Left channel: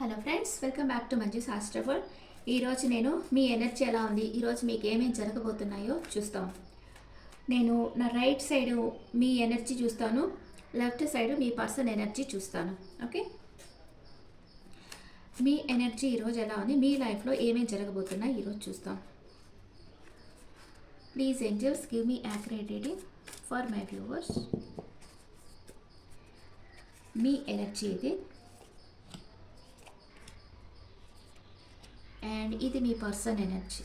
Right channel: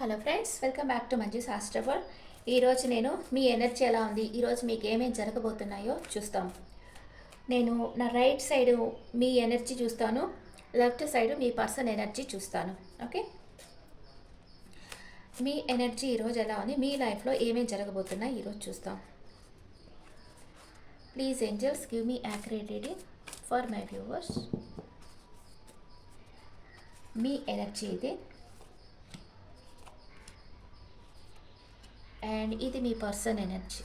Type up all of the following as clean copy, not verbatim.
Hello friends, welcome back to Manju శాస్త్రఫల్. ఈరోజు నేను మీ ఎనర్జీ ఎలా ఉంది, ఈరోజు మీకు ఏమేమి జరగబోతున్నాయో చూస్తాం. నేను నా రైట్ సైడ్ మీ ఎనర్జీ చూస్తాను, లెఫ్ట్ సైడ్ మీ పర్సన్ ఎనర్జీ చూస్తాను. ఓకే, మీ ఎనర్జీ ఈరోజు ఎలా ఉంది, మీ లైఫ్లో ఏమేమి జరగబోతున్నాయి ఈరోజు చూస్తాం. Please angels give me accurate reading for my viewers. Me energy ఇది, అండ్ ఇది మీ పర్సన్ ఎనర్జీ.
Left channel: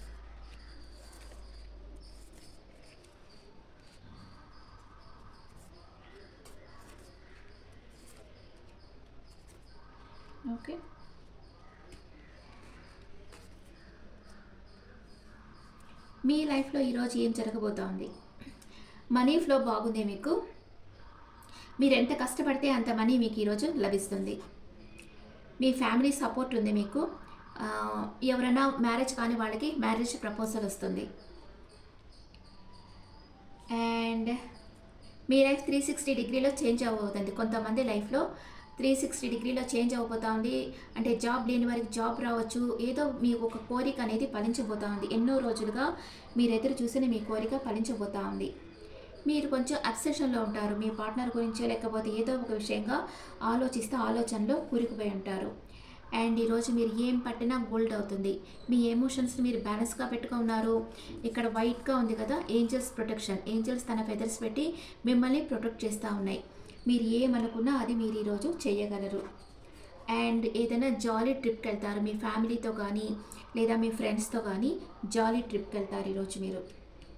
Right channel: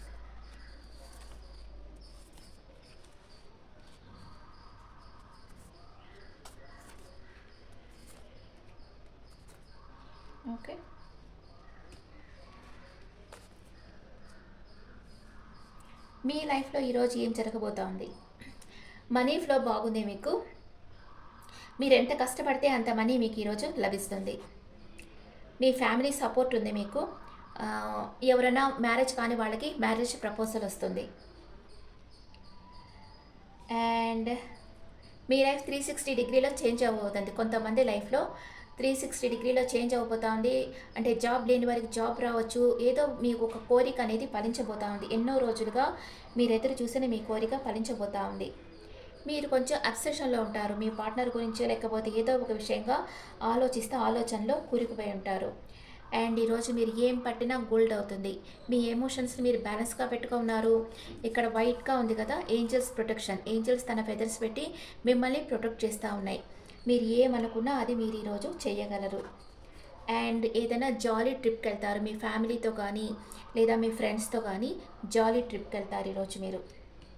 ఓకే, మీ లైఫ్లో ఈరోజు ఏం జరగబోతా ఉంది. మనీ ఫ్లో బాగుంది మీకు, మీరు ఎంత కష్టపడితే అంత మనీ మీకు ఈరోజు లభిస్తుంది. మీ ఫ్యామిలీ సపోర్ట్ ఉంది మీకు. ఎవరైనా మ్యారేజ్ కాని వాళ్ళకి మ్యారేజ్ ప్రపోజల్ వస్తుంది. అండ్ మీ లైఫ్ 360 డిగ్రీలో చేంజ్ అవ్వబోతుంది. కొంతమంది లైఫ్లో 360 డిగ్రీలో చేంజ్ అవ్వబోతా ఉంది. అంటే జాబ్ లేని వారికి జాబ్ రావచ్చు. ఏదో మీకు ఒక కోరిక అనేది ఫలించబోతా ఉంది. ఎన్నో రోజులుగా మీరు ఎదురు చూసిన మీ కోరిక ఫలించబోతా ఉంది. మీరు కొంచెం అబ్సెషన్లో ఉంటారు. మీ పార్ట్నర్ గురించి లేకపోతే ఏదో ఒక విషయంగా ఆలోచనలో కూరుకుపోయి ఉంటారు. అండ్ ఈరోజు మీరు ఏం పట్టినా గోల్డ్ అవుతుంది. మీ ఎమోషన్స్ని మీరు బ్యాలెన్స్గా పెట్టుకున్నారు. ఇక్కడ వైట్గా ఉంది కదా, ఏంజల్స్ ప్రొటెక్షన్. ఏంజల్స్ తన ఫెదర్స్ పెట్టి మిమ్మల్ని ప్రొటెక్ట్ చేస్తూ ఉన్నాయి. మీరు ఏమనుకున్నా అది మీరు ఈరోజు చేయగలరు. అండ్ ఏదైనా జాలీ ట్రిప్కి వెళ్తారు మీ ఫ్యామిలీతో కానీ లేదా మీ ఫ్రెండ్స్తో కానీ జాలీ ట్రిప్కి వెళ్తారు ఈరోజు మీరు.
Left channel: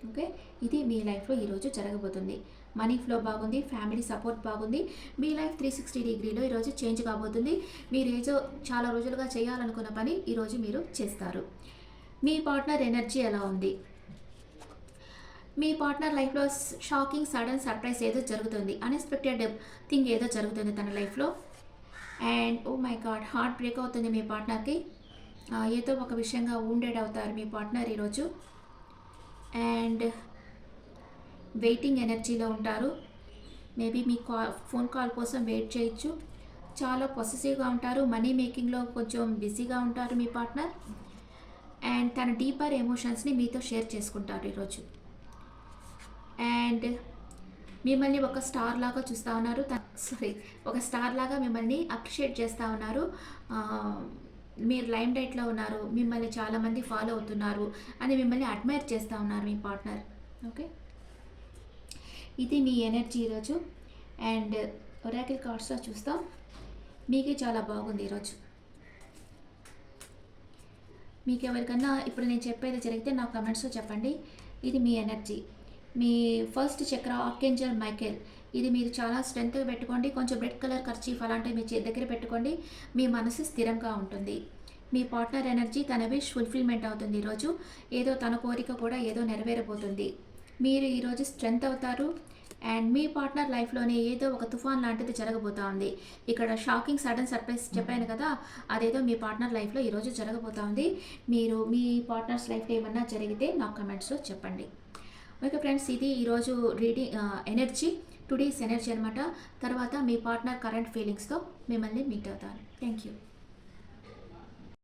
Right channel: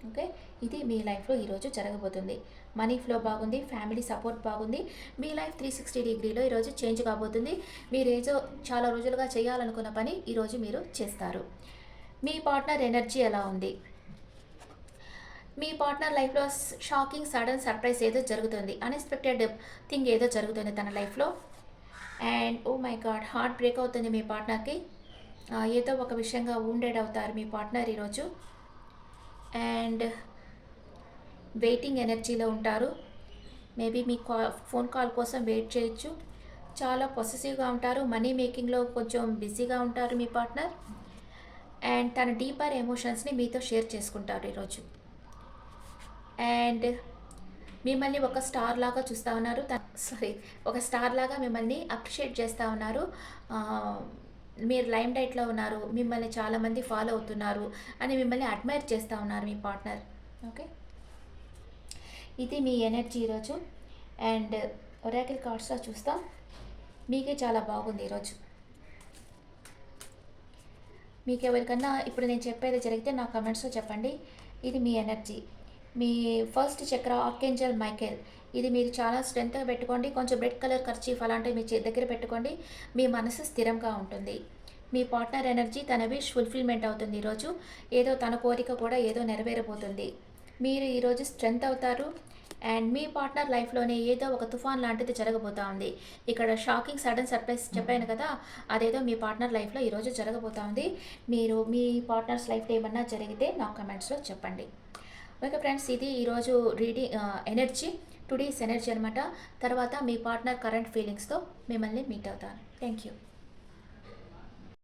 ఓకే, ఇది మీ లైఫ్లో ఈరోజు జరగబోతుంది. మనీ ఫ్లో బాగుంది, ఫ్యామిలీ సపోర్ట్ బాగుంది. మీ లైఫ్ 360 డిగ్రీలో ఈరోజు చేంజ్ కాబోతుంది. మీరు ఏదో చాలా రోజులుగా చేయాలనుకున్న పని ఈరోజు మీరు చేస్తారు. మీ పార్ట్నర్ ఎనర్జీ ఎలా ఉంది. మీ పార్ట్నర్ లైఫ్లో షాకింగ్ సడన్ సర్ప్రైజ్ ఏదో జరుగుతుంది. అన్ఎక్స్పెక్టెడ్ థింగ్ ఏదో జరుగుతుంది తన లైఫ్లో. And oh my God, heart break అవుతుంది మీ పార్ట్నర్కి. ఏదో ఒక విషయంగా వూండెడ్ అవుతారు మీ పార్ట్నర్ ఈరోజు. అండ్ వెయిటింగ్ ఎనర్జీలో ఉంటారు. మేబీ మీ ఫోన్ కాల్ కోసం వెయిట్ చేయొచ్చు. చాలా పొసెసివ్గా ఉంటారు. మనీ మేకింగ్లో కొంచెం బిజీగా ఉంటారు మీ పార్ట్నర్. అండ్ తన డీపర్ ఎమోషన్స్ని మీతో షేర్ చేసుకుంటారు ఈరోజు. అండ్ మిమ్మల్ని ఒక స్టార్ లాగా చూస్తూ ఉన్నారు. ఒక స్టార్ లాగా మిమ్మల్ని అప్రిషియేట్ చేస్తూ ఉన్నారు. మీరు లైమ్ లైట్లో ఉన్నారు, మిమ్మల్ని చాలామంది ఫాలో అవుతున్నారు అని మిమ్మల్ని అడ్మైర్ చేస్తూ ఉన్నారు మీ పార్ట్నర్. ఓకే, ఇది మీ ఎనర్జీ ఈరోజు. అండ్ ఒరాకిల్ కార్డ్స్లో చూస్తాం. మీకే చాలా బాగుంది ఈరోజు. మీకు ఎవరికన్నా ఇప్పుడు నేను చెప్పేది జరిగితే నా కమెంట్స్లో చెప్పండి. ఇది మీ ఎనర్జీ. మీ ఫస్ట్ చక్ర ఆర్కేంజల్ మైకేల్. ఇది మీరు చాలా స్ట్రెంత్గా పెట్టుకోండి. కొంచెం రెడ్ కలర్ కర్చీఫ్ అలాంటివి మీ దగ్గర పెట్టుకోండి. మీ మనసు స్థిరంగా ఉంటుంది. మీ పార్ట్నర్ ఎనర్జీ తన విష్ ఫుల్ఫిల్మెంట్ అవుతుంది ఈరోజు. ఏదో తన కోరిక కూడా ఏదో నెరవేరబోతుంది. మీరు ఈరోజు స్ట్రెంత్ అవుతారు. అండ్ మీ పార్ట్నర్ లైఫ్లోనే ఏదో ఒక తుఫాన్ లాంటిది జరగబోతా ఉంది. ఇక్కడ షాకింగ్ సడన్ సర్ప్రైజ్ చెప్పాను కదా, అదేదో మీ పార్ట్నర్ లైఫ్లో ఈరోజు జరగబోతా ఉంది. మీరు మీ పార్ట్నర్స్ లైఫ్లో ఏమన్నా జరిగితే నాకు కమెంట్స్లో చెప్పండి. ఓకే ఫ్రెండ్స్, ఇది ఈరోజు రీడింగ్ ఎనర్జీ, టుడేస్ ఎనర్జీ అనమాట. తర్వాత మీ పార్ట్నర్ కరెంట్ ఫీలింగ్స్తో మిమ్మల్ని మీట్ అవుతాను. Thank you.